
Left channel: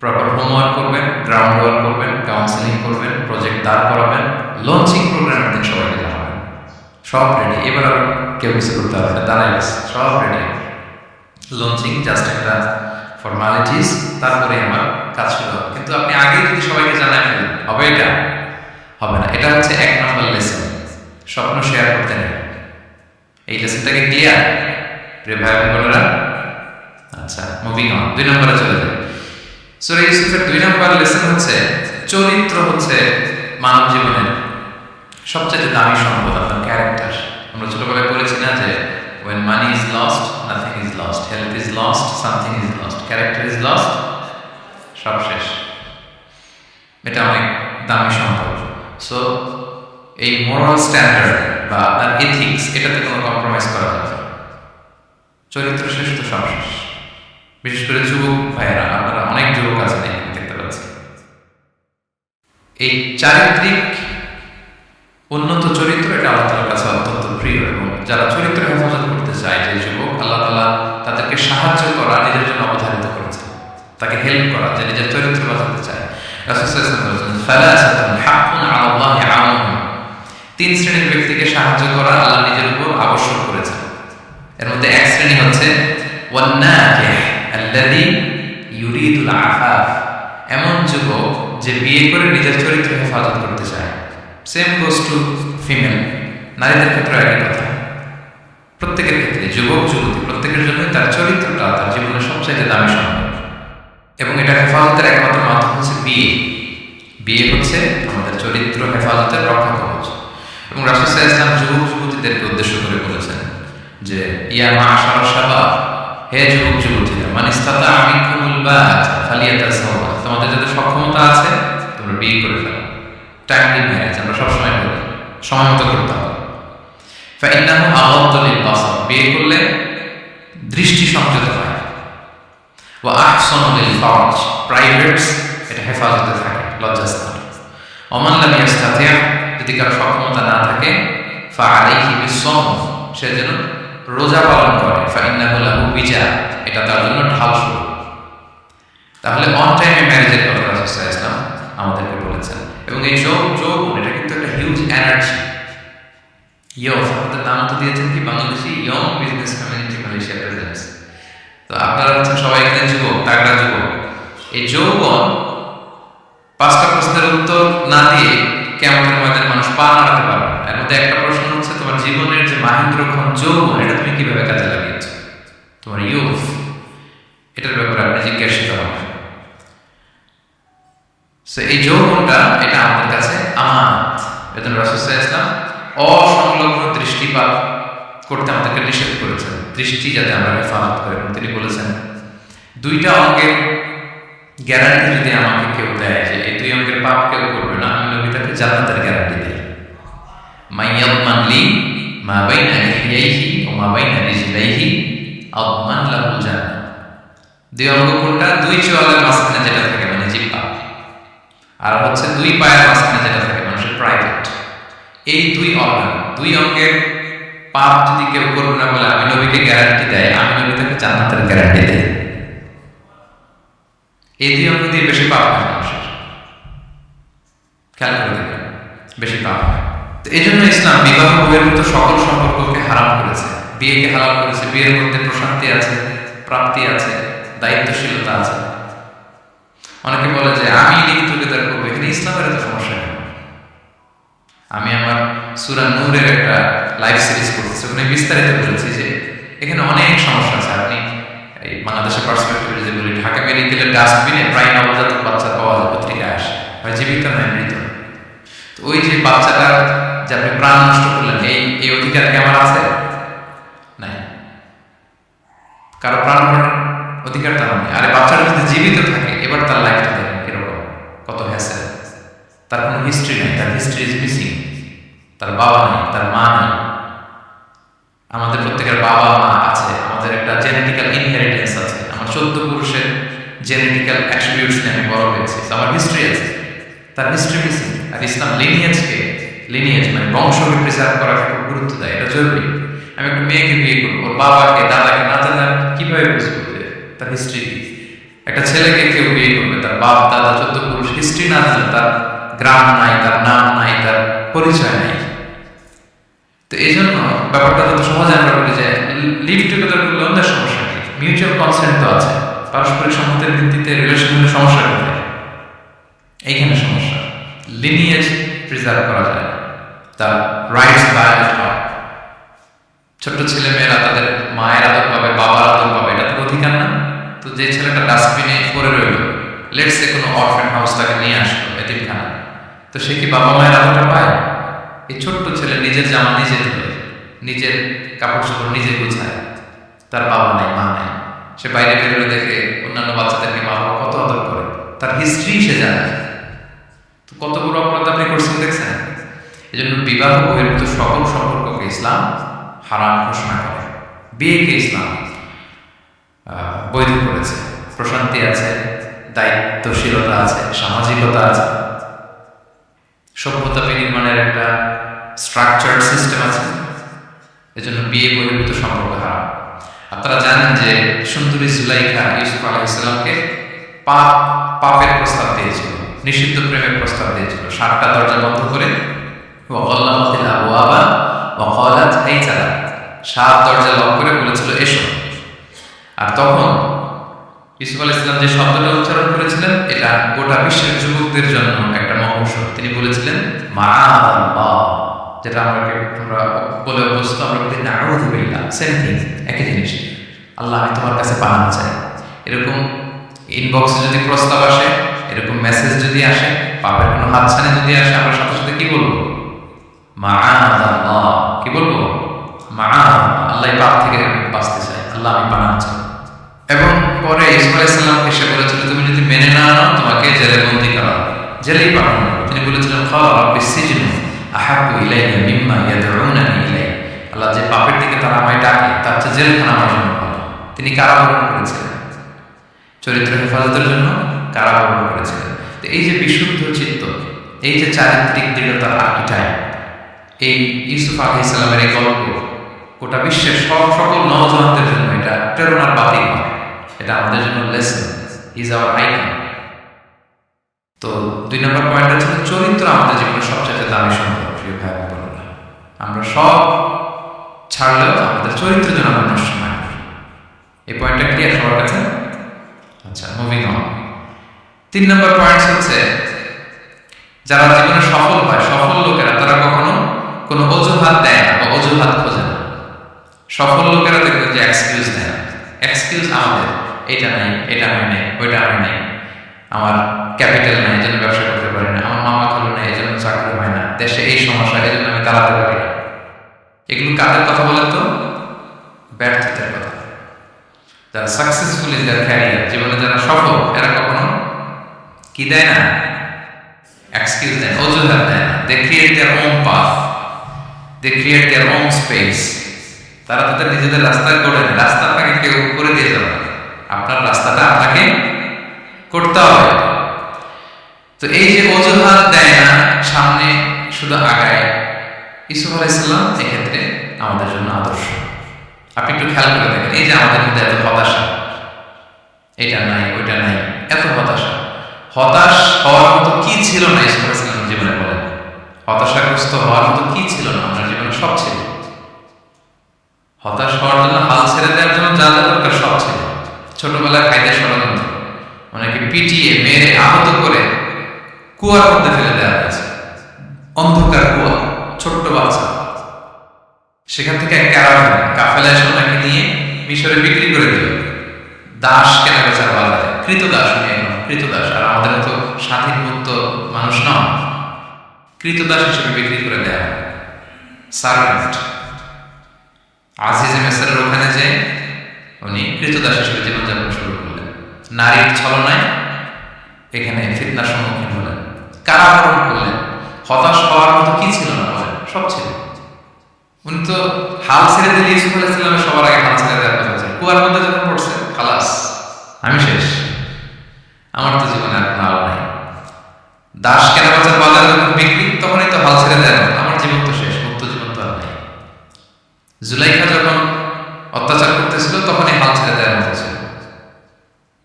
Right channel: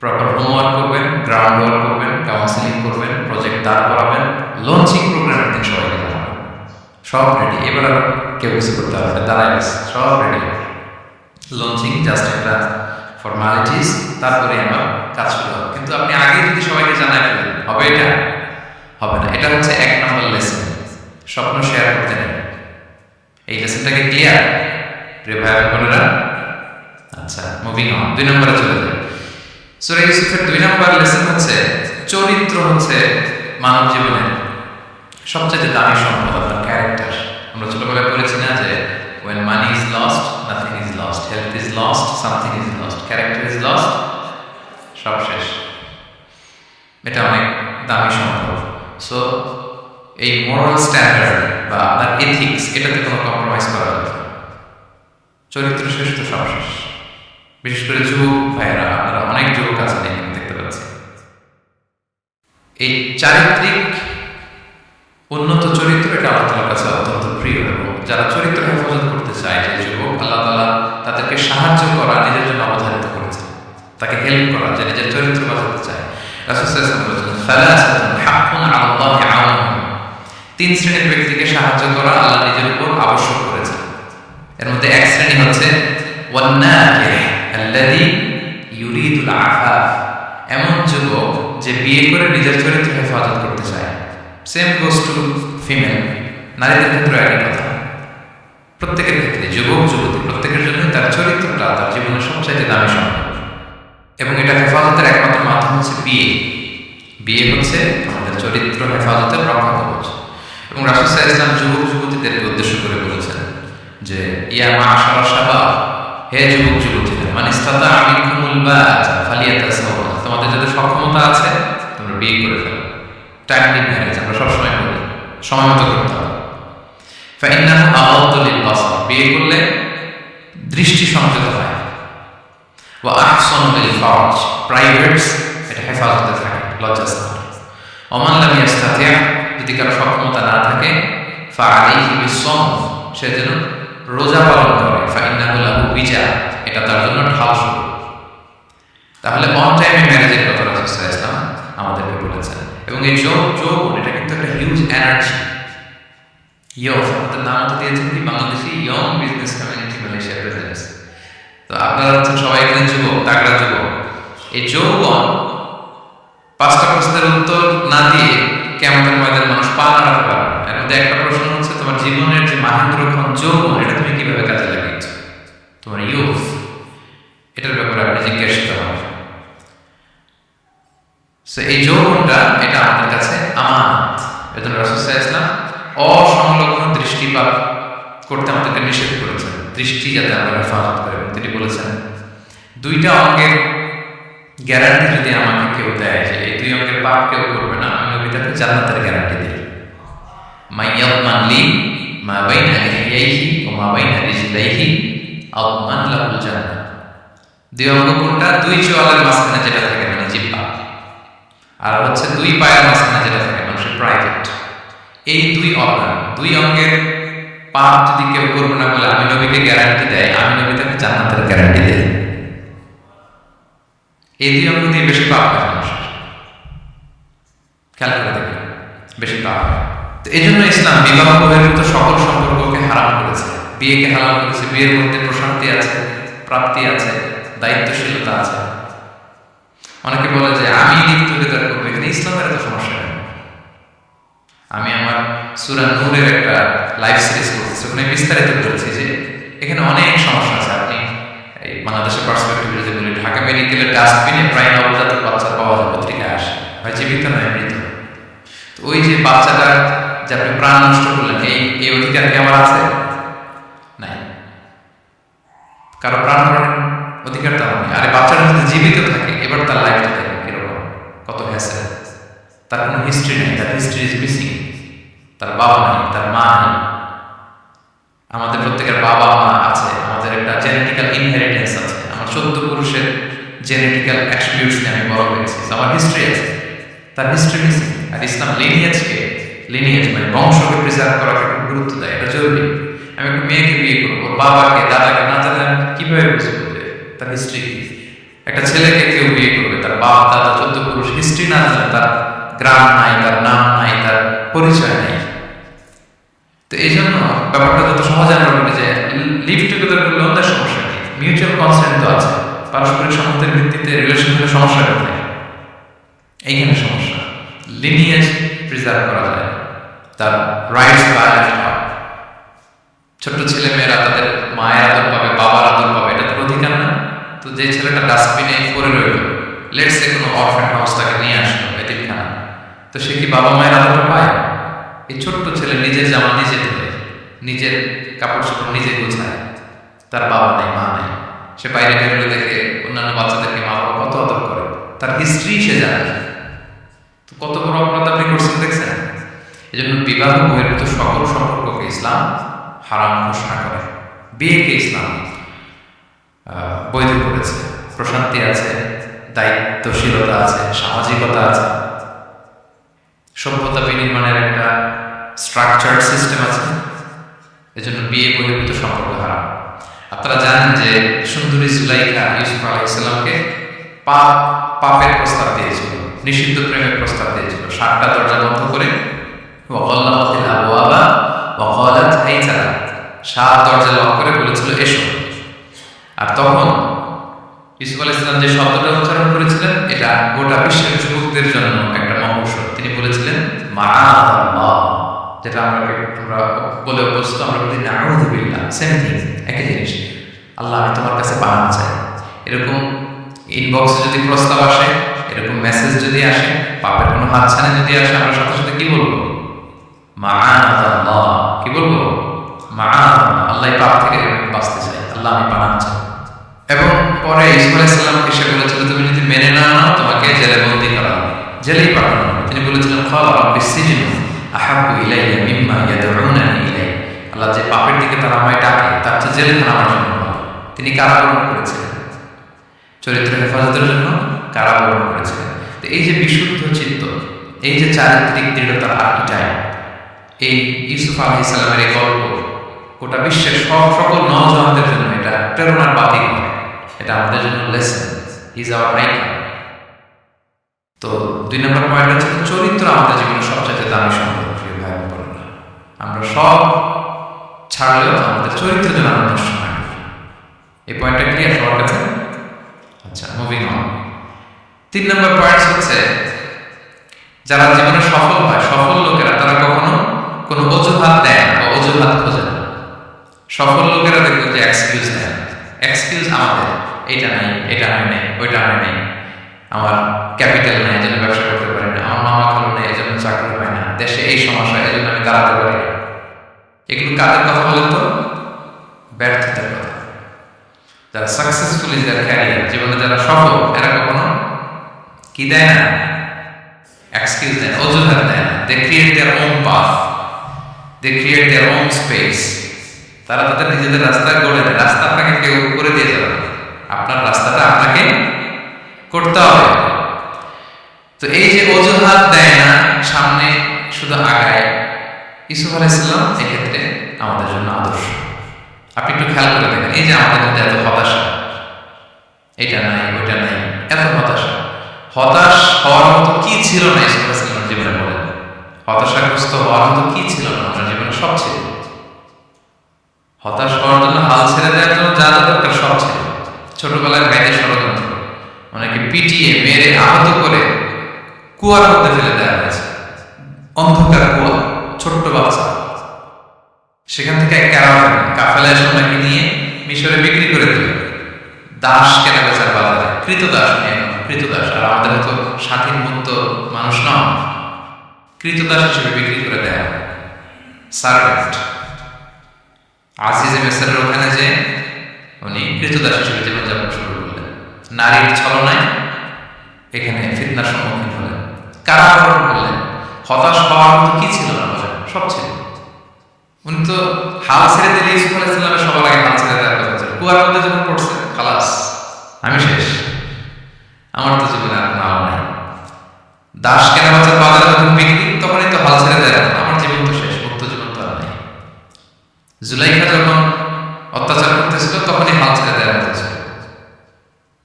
প্রপার হোমওয়ার্ক করবেন, গ্রাউন্ড ওয়ার্ক করবেন, কাউন্সিলিং করবেন, প্রজেক্ট দাঁড় করাবেন, লঞ্চিং প্রোগ্রামের দিন সবাইকে জানাবেন। সব রেডি, এবার আর কেউ কিছু করতে হবে, এটা দাঁড়াই গেছে, সব রেডি। লঞ্চিং জাস্ট একটা ফর্মালিটিস, তারপরে আমার কাজ শুরু হবে। কিন্তু আপনি আগেই যদি সবাইকে জানাই ফেলেন, হবে? এটা হবে না। এটা হচ্ছে 1 নম্বর লেসন, স্বপ্ন শেয়ার করতে নেই। এই লেসনটাকে ক্লিয়ার প্রিয় ভাই বোনেরা? আচ্ছা, মুভিং অন, 2 নম্বরে চলে যাই। সূরা ইউসুফের 2 নম্বর লেসন হচ্ছে চরিত্র হচ্ছে মানব জীবনের সবচেয়ে দামি সম্পদ, আপনার ক্যারেক্টার। আমরা ছোটবেলায় পড়েছি না যে when money is lost, nothing is lost, health is lost, something is lost, character is lost, সব শেষ। এটা অনেক দামি সম্পদ। সো এই মোরাল স্ট্যান্ডার্ড বা আপনার এথিক্স, এটাতে কোনো কম্প্রোমাইজ করা যাবে না। চরিত্র শেষ তো সব শেষ। বিশেষ করে যুবক ভাইয়েরা, আপনারা অনেক যুবক আছেন এখানে, দেখতে পাচ্ছি। এই চারিত্রিক উন্নত চরিত্র, এটা আল্লাহ তাআলার কাছে অত্যন্ত প্রিয়। এবং যারা চরিত্র হেফাজত করতে চায়, যে যুবক, আল্লাহ তাআলা তাদেরকে সাহায্য করা নিজের জন্য অবধারিত করেছেন, তাকে হেল্প করা, যে নিজের চরিত্র বাঁচাতে চায়। রাসূল সাল্লাল্লাহু আলাইহি ওয়াসাল্লাম বলেছেন সালাসাতুন হাক্কুন আলাল্লাহি আউনুহুম, 3 শ্রেণীর ব্যক্তিকে সাহায্য করা আল্লাহ নিজের উপর আবশ্যক করেছেন। এর মধ্যে এক শ্রেণী হচ্ছে ওয়ান্নাকিহ আল্লাযী ইউরিদুল আফাফ, এমন যুবক যে বিয়ে করে নিজের চরিত্র হেফাজত করতে চায়। সেম গোস টু ফিমেল, নারীদের ক্ষেত্রে একই কথা। প্রত্যেকের ক্ষেত্রে যুবক যুবতী প্রত্যেকের জন্যই তার চরিত্রটা তার জীবনের সবচাইতে দামি সম্পদ, এবং এটা হেফাজতের একমাত্র মাধ্যম হচ্ছে বিয়ে। বিয়ে হচ্ছে আমাদের চরিত্র হেফাজতের রক্ষা কবচ। এবং রাসূল সাল্লাল্লাহু আলাইহি ওয়াসাল্লাম যুবক যুবতীদেরকে উদ্দেশ্য করে বলেছেন যে ইয়া মা'আশারা শাবাব, হে যুবক যুবতীরা, মান ইসতাতা'a মিনকুমুল বা'আতা ফালিয়াতাযাওয়াজ, তোমাদের যাদের সক্ষমতা আছে তোমরা বিয়ে করে ফেলো। টাইমলি ম্যারেজ আমরা সবসময় বলি, সময় মতো করতে হবে। ফাইন্নাহু আগাদ্দু লিল বাসার, বিয়ে করলে দৃষ্টি সংযত হয়। ওয়া আহসানু লিল ফারাজ, প্রাইভেটস এটা হেফাজতে থাকে, লজ্জাস্থান। ওমান লাম ইয়াস্তাতি', যদি কারো সক্ষমতা না থাকে, ফাআলাইহি বিসসাম, সে যেন রোজা পালন করে। ফাইন্নাহু লাহু বিজা, এটা তার জন্য ঢাল শুরু। তাহলে অন টাইমে ম্যারেজের কথা রাসূল সাল্লাল্লাহু আলাইহি ওয়াসাল্লাম আমাদেরকে বলেছেন। এবং এই যৌবন এটা কিন্তু একটা হিউজ এনার্জি। ইয়থ, আমাদের নাম তো দিয়েছেন কি Bangladeshi young business community Malaysia presents. তো আপনারা হচ্ছেন সবাই এখানে যুবক, তাগড়া যুবক। এই যৌবন 5টা প্রশ্নের উত্তর না দিয়ে কিয়ামতের ময়দানে মানুষ পা নাড়াতে পারবে না। এর মধ্যে একটা প্রশ্ন হচ্ছে তোমার জীবনের যে মাহেন্দ্রক্ষণ যৌবন, এটা তুমি কিভাবে কাজে লাগিয়েছো, তোমার ইয়ুথ, এটার ব্যাপারে আপনি জিজ্ঞাসিত হবেন। এই যৌবনটা এটা আমাদের কাছে আমানত। এজন্য রাসূল সাল্লাল্লাহু আলাইহি ওয়াসাল্লাম অসংলগ্ন দৃষ্টিপাত করতে আমাদেরকে নিষেধ করেছেন, দৃষ্টি যাতে আমরা হেফাজত করি। এবং তিনি বলেছেন 2টা অঙ্গের গ্যারান্টি যদি আমাকে কেউ দেয় যে এই 2 অঙ্গের পাপ কেউ করবে না, আমি নবী তাকে জান্নাতের গ্যারান্টি দিই। মাইয়াদমান লি মা বাইনা লিহিয়াইহি ওয়া মা বাইনা রিজলাইহি আদমান লাহুল জান্নাহ। 2 অঙ্গ কোনটা? 2 চোয়ালের মাঝখানে যেটা থাকে মানে জিহ্বা, আর হচ্ছে 2 পায়ের মাঝখানে যেটা থাকে মানুষের প্রাইভেট। এই 2 অর্গান, 2 অঙ্গের পাপ যদি কেউ করবে না বলে আমি নবীকে গ্যারান্টি দেয়, আমি নবী তাকে জান্নাতের গ্যারান্টি দেই। এই 2 অঙ্গ দিয়ে বেশি পাপ হয় মানুষের, খেয়াল করে দেখেন, বেশি পাপ হয়। তো এই জন্য ইসলাম বিবাহ বহির্ভূত সকল সম্পর্ককে হারাম করেছে, বিয়েকে হালাল করেছে। বিয়ের মধ্যে প্রশান্তি আছে, প্রাপ্তি আছে, দায়িত্বশীলতা আছে। অনেকে বলে যে আমি লিভ টুগেদার করবো, এখানে ইসলামের এত সমস্যা কেন? আমি আমার সূরা নূরের একটা লাইভ সিরিজ করতেছি, ওখানে বিস্তারিত বলেছি যে এখানে অনেক সমস্যা আছে। আপনি এই বাংলাদেশের পার্সপেক্টিভে যদি বলি, ঢাকা মেডিকেলের ডাস্টবিনে প্রায় নবজাতক বাচ্চা পাওয়া যায়, পত্রিকায় আসে, হয় জীবিত নয় মৃত। তো ওই যে বাচ্চাটা যে আপনি প্রাণ নষ্ট করলেন, এই অধিকার কি আমার আছে? নাই। কারো প্রাণ হরণের অধিকার তো আমার নেই। আরে বাচ্চাটা যদি জীবিত থাকে, এবার তার লাইফটা দেখেন কিরকম, কত হ্যাসেল। তার কোনো হিস্ট্রি নাই, তার হিস্ট্রি ইজ মিসিং। তার বাবা নাই, তার মা নাই। আমাদের প্রত্যেকের বাবা মা আছে, আমাদের একটা জেনেটিক্যাল ইনহেরিটেন্স আছে। আমার 14 পুরুষের জেনেটিক্যাল অ্যাট্রিবিউটস নিয়ে আমি বড় হয়েছি, আমার হিস্ট্রি আছে, তার হিস্ট্রি মিসিং। আর ইসলাম লিনিয়েজ মানে বংশকে প্রিজার্ভ করাকে খুব গুরুত্ব দেয়, এটা জরুরি। আমি একটা মেয়েকে বিয়ে করবো, ওর বাবাকে দাদাকে না জানলে আমি কিভাবে বুঝবো যে তার হিস্ট্রি কি? একটা ছেলেকে কেউ বিয়ে করবে, তার বাপ দাদা 14 পুরুষ হিস্ট্রি না জানলে, তার গ্রাম নাই, তার নাম নাই, তার পরিচয় নাই। তো এই জন্য ব্যাপারটা যত সহজে আমরা বলি যে লিভ টুগেদার করলে অন্যের সমস্যা কি? মিউচুয়াল কনসেন্ট তো আছে, পারস্পরিক সম্মতির ভিত্তিতে রিলেশন হলে সমস্যা কোথায়? এইখানে সমস্যা। লিনিয়েজ প্রিজার্ভ করা যায়, তার রাইটস ভায়োলেট হয়। ছোট্ট ছেলে মেয়েরা তাদের মায়ের আদর পাবে, বাবার আদর পাবে, এটা তার অধিকার না? তো যে ছেলেটা ডাস্টবিনে পড়ে রইল, লেটস সে কোনো অরফ্যান হাউস তাকে নিয়ে আসলো, এতিমখানা, তো সে কি বাবা মায়ের আদরটা পায়? এই ছোট্ট ছেলে নিজের জামা নিজে ধরে, নিজের কাপড় চোপড় নিজে গোছায়, তার বাবা নাই, মা নাই। সে বাইরে বেরোলে দেখে অন্যান্য বাচ্চাদেরকে মা বাবা কত আদর করে, তার হিস্ট্রি সে জানে। তো কত বড় অপরাধ আপনি করছেন দেখছেন? এই জন্য বিবাহ বহির্ভূত সকল সম্পর্ককে ইসলাম হারাম ঘোষণা করে। বিয়েকে ইসলাম বৈধ করেছে। প্রশান্তি আছে, দায়িত্বশীলতা আছে, সামাজিকতা আছে, সভ্যতা বিনির্মাণের একটা স্ট্রাকচার্ড সিস্টেম আছে। এজন্য বিয়ে বহির্ভূত সম্পর্ক হারাম। আপনারা জানেন যে সুন্দরী জুলাইখা ইউসুফ আলাইহিস সালামকে পাপের প্রস্তাব দিয়েছিল, নিষিদ্ধ প্রেমের প্রস্তাব দিয়েছিল। 7টা দরজা বন্ধ করে ওয়াগাল্লাকাতিল আবওয়াবা ওয়া ক্বালাত হাইতা লাক, 7 দরজা লক করে বলেছিল এসো। আর তখন ইউসুফ আলাইহিস সালাম যে শব্দটা উচ্চারণ করেছিলেন এটা গোটা বিশ্বের যুবকদের জন্য একটা মহৌষধ। তিনি বলেছিলেন মাআযাল্লাহ, যেটা আমরা বলে অভ্যস্ত, আমরা বলি নাউযু বিল্লাহ, সেম থিং, একই জিনিস। আল্লাহ আমি তোমার কাছে পানাহ চাই। এরকম ইনবক্সে যদি প্রস্তাব আসে, এরকম মেসেজ যদি আসে, পাপের কোনো হাতছানি যদি আসে, আমরা সাথে সাথে কি বলবো? মাআযাল্লাহ। কি বলবো? মাআযাল্লাহ, আল্লাহ এই পাপ থেকে আমি বাঁচতে চাই, আল্লাহ আমি পানাহ চাই। এবং পরে ইউসুফ আলাইহিস সালামকে সে বলেছিল তুমি যদি মেনে না নাও তোমাকে জেলে বন্দী করা হবে, জেলেই পাঠানো হবে। তিনি বলেছিলেন ক্বালা রাব্বিস সিজনু আহাব্বু ইলাইয়া মিম্মা ইয়াদউনানি ইলাইহি, আল্লাহ যে পাপের দিকে তারা আমায় ডাকে তার চেয়ে জেলখানা আমার জন্য ভালো। তিনি কারাবরণ করেছিলেন, চরিত্র হেফাজতের জন্য কারাবরণ করেছিলেন। তো এই যে বিশুদ্ধ চিত্ত, এই যে চারিত্রিক দৃঢ়তার আর্কিটাইপ, এই ইউসুফ আলাইহিস সালামের এই গল্প গোটা বিশ্বের সকল নওজওয়ানদের জন্য এটা প্রেরণার বাতি, এটা আমাদের জন্য লেসন, ইজ আওয়ার আইকন। তো 2 নম্বর পয়েন্টটা ছিল চরিত্র আমাদের জীবনের সবচেয়ে দামি সম্পদ। প্রিয় ভাই বোনেরা, আমরা সব ছাড়লেও আমাদের চরিত্রের জন্য আমরা নষ্ট না করি। এই পয়েন্টটা ক্লিয়ার সবার কাছে? আচ্ছা, মুভিং অন। 3 নম্বর পয়েন্ট হচ্ছে যারা জীবনে সফল হয়, সফল লোকেরা তারা কখনো কোনো অজুহাত দেয় না বা অজুহাত খোঁজে না। সফল লোকেরা দেখবেন যে এক্সকিউজ দেয় না। এক্সকিউজ আমাদের, এটা নাই, এটা হয় নাই, ওইটা হয় নাই, আমার ক্যাপিটাল নাই এজন্য ব্যবসা করতে পারি না, আমার মামা খালু নাই এজন্য চাকরি হয় না, দেশে এই সমস্যা এজন্য আমি দাঁড়াতে পারি না। এগুলো কাদের কথা বলেন তো? ব্যর্থতার কথা। যারা সাকসেসফুল ইন দেয়ার ক্যারিয়ার, জীবনে যারা সফল, এরা কখনো কি দেয় না? এক্সকিউজ দেয় না, অজুহাত দেয় না। They create their own path, they create their own space. তারা তাদের নিজেদের রাস্তা গড়ে নেয়। রাস্তা আপনাকে কেউ করে দিয়ে যাবে না, আপনার রাস্তাটা আপনাকে করতে হবে। তো এই যে অজুহাত দেয় না, সামনে শুধু আগায়, ইউসুফ আলাইহিস সালাম এক্ষেত্রে আমাদের জন্য আদর্শ। আপনি একটু খেয়াল করে দেখেন, এই যে আমাদের মধ্যে এত হতাশা, এটা নাই ওইটা নাই, এত হতাশা, হতাশ হওয়ার মতো কি ছিল না ইউসুফ আলাইহিস সালামের জীবনে? বলেন, হতাশাগ্রস্ত হওয়ার মতো কি ছিল না? আপনার জীবনে সব ছিল। হতাশ হওয়ার জন্য, হাল ছেড়ে দেওয়ার জন্য যা যা দরকার সব ছিল। ছোটবেলায় ভাইদের ষড়যন্ত্র, অনেকে পিটিয়ে মেরে আহত করে কুয়ার মধ্যে ফেলে দেওয়া হয়েছে, অন্ধকার কুয়া, ছোট্ট বাচ্চা। সেখান থেকে এক ক্যারাভান কাফেলা এসে ওনাকে নিয়ে মিশরে বিক্রি করে দিল, দাস কেনা বেচার বাজারে। কৃতদাস, উনি এখন কৃতদাস। আর আমাদের মতো স্বাধীন মুক্ত মানুষ নন, কৃতদাস হিসেবে বিক্রি করে দেওয়া হয়, সার্ভেন্ট। আজিজে মেসরের ওখানে যে উনি কৃতদাস হিসেবে জীবনযাপন শুরু করলেন, নারীর ছলনায় এখানে ফিতনার সম্মুখীন হলেন, কারাবরণ করলেন। হতাশ হওয়ার মতো কি ছিল না? বলেন, সব ছিল। উনি তো হাল ছেড়ে দিলে, ইউসুফ আলাইহিস সালামের সবার আগে হাল ছেড়ে দেওয়ার কথা ছিল। কুয়ার মধ্যে যখন পড়ছে, খালাস, আমি শেষ, আমার তো জীবনে আর কোনো আলো নাই। দাস কেনা বেচার বাজার যখন বিক্রি, তখনই তো হাল ছেড়ে দেয়, আমার জীবন তো শেষ, মুক্ত জীবন তো আর নাই। জুলাইখা যখন অত্যাচার করতেছিল, তখনই হাল ছেড়ে দেওয়ার মতো ছিল।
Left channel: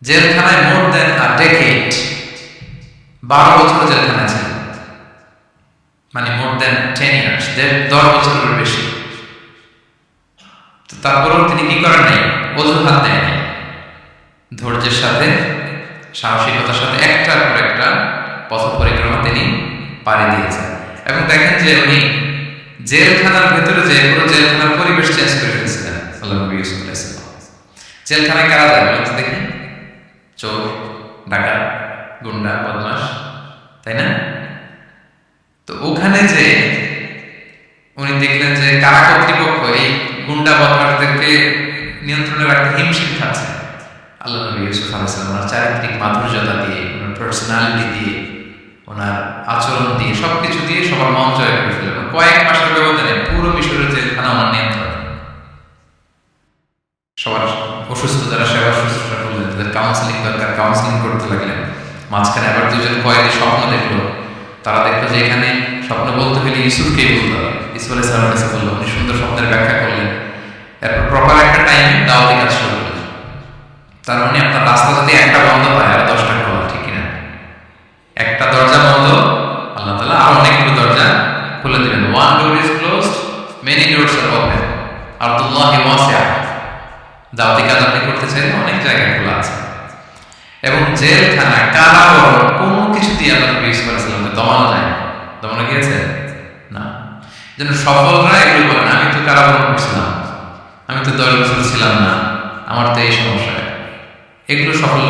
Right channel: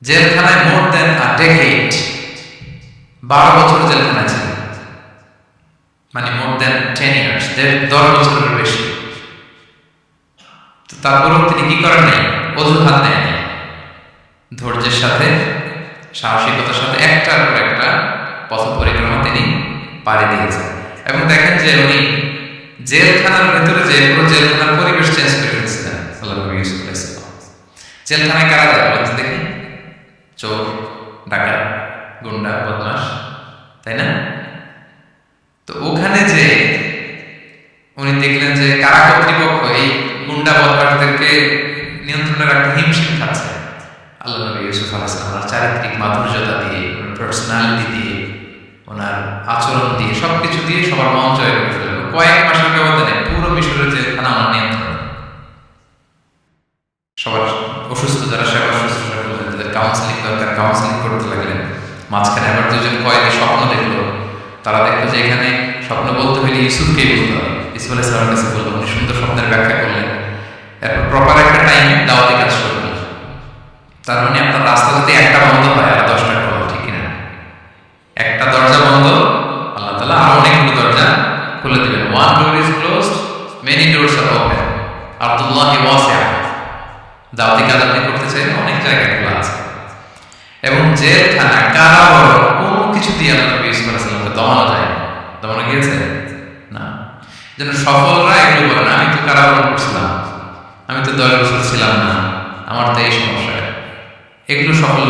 জেলখানায় মোর দেন আ ডেকেড, 12 বছর জেলখানায় ছিল, মানে মোর দেন 10 ইয়ার্স, 10 বছরের বেশি। তো তারপরেও তিনি কি করেন নাই? অজুহাত দেয় নাই। ধৈর্যের সাথে, সাহসিকতার সাথে একটার পর একটা পথ পরিক্রমা তিনি পাড়ি দিয়েছেন। এবং দেখেন যে উনি জেলখানার ভেতরে যে পুরো জেলখানার পরিবেশ চেঞ্জ করে ফেলছিলেন আল্লাহ নবী ইউসুফ আলাইহিস সালাম। জেলখানায় কারা যায় বলেন তো দেখি? চোর, ডাকাত, গুন্ডা, বদমাশ, তাই না? তো ওখানে যে উনি দেখলেন যে কারা কর্তৃপক্ষ এই গুন্ডা বদমাশদেরকে নিয়ন্ত্রণে রাখতে হিমশিম খাচ্ছে। আল্লাহ নবী ইউসুফ আলাইহিস সালাম ওনার চারিত্রিক মাধুর্যতা দিয়ে, ওনার পার্সোনালিটি দিয়ে, ওনার আচরণ দিয়ে, সবকিছু দিয়ে সবার মন জয় করে ফেলেন। কয়েক মাসের ব্যবধানে পুরো মিশরের জেলখানা ওনার নিয়ন্ত্রণে। সবার অসুস্থ যারা সেবা শুশ্রূষা করলেন, তাদের কাউন্সেলিং দরকার, কাউন্সেলিং করতে লাগলেন। মাঝখানে আবার 2জন কয়েদি স্বপ্ন দেখলো, তারা দেখলো যে এখানে স্বপ্ন বলতে হইলে ইউসুফকেই বলতে হবে। ইউসুফ আলাইহিস সালামের কাছে বললো, উনি সুন্দর স্বপ্নের ব্যাখ্যা করলেন। এরপর প্রপার একটা টাইমে দাওয়াতি কাজ শুরু করলেন। তার মানে আপনার রাস্তা যদি একটা বন্ধ হয় আর 10টা খোলা, ঠিক কিনা? একটা দরজা বন্ধ, আল্লাহ তাআলা আরো অনেকগুলো দরজা খুলে দিবেন। One door is closed, many doors are open, আরদুল্লাহি ওয়াসিআ। দাওয়াতি কাজ আপনি করতে চাইলে অনেক জায়গা খোলা আছে। এবং জেলখানা, কারাবরণ কোনো কিছু দিয়ে আল্লাহ নবী ইউসুফ আলাইহিস সালামকে দমানো যায় না। দমানো গিয়েছে না। যেন সফলরা এগুলো বলেন, আমি তো কারাবরণ করছিলাম, আমি তো 10 বছর ছিলাম না, আমার তো এই সমস্যা, এগুলো সফল